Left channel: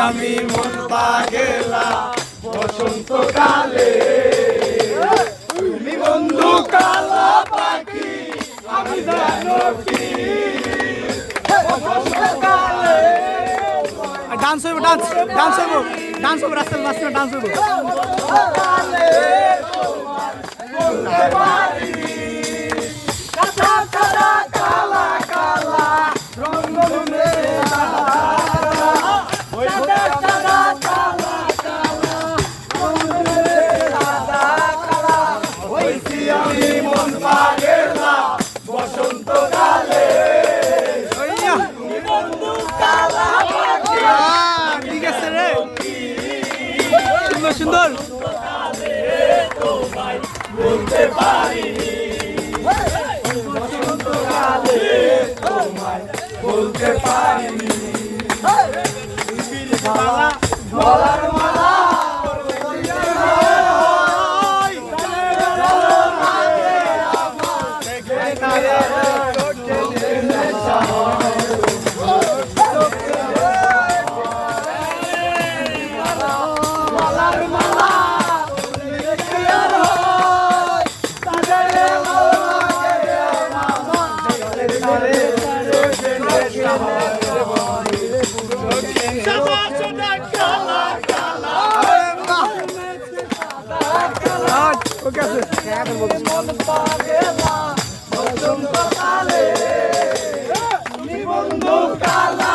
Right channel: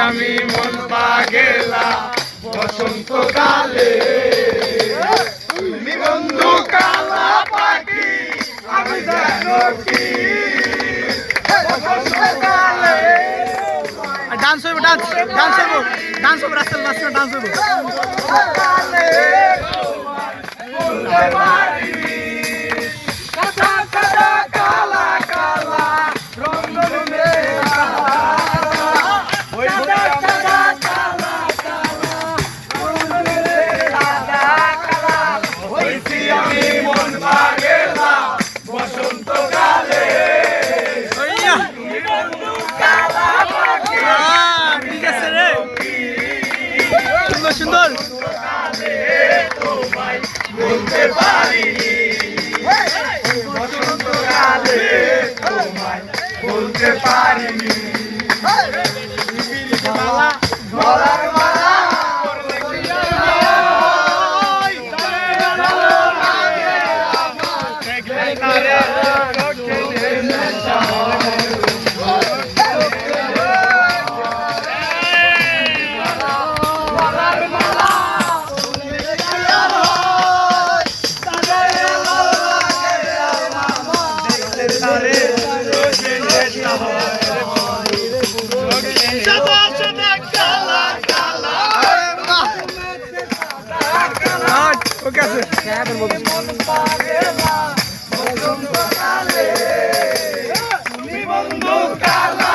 আমি মন পাগেলা বসন্তকালে তুমি বন্ধু কালা পাখি আমি জানো কি বসন্তকালে ডান্স হইব ডান্স হইব রাস্তার মাঝখানে ডান্স হইব বলতে পারিনি কালা কালা কালা কালা রঙ আমি মন পাগেলা বসন্তকালে বন্ধু কালা পাখি ঠিক আছে রে সুন্দর সুন্দর তোমায় বলতে পারিনি বসন্তকালে তোমায় বলতে পারিনি গলার মালা ওকে আছে মন পাগেলা বসন্তকালে তুমি বন্ধু কালা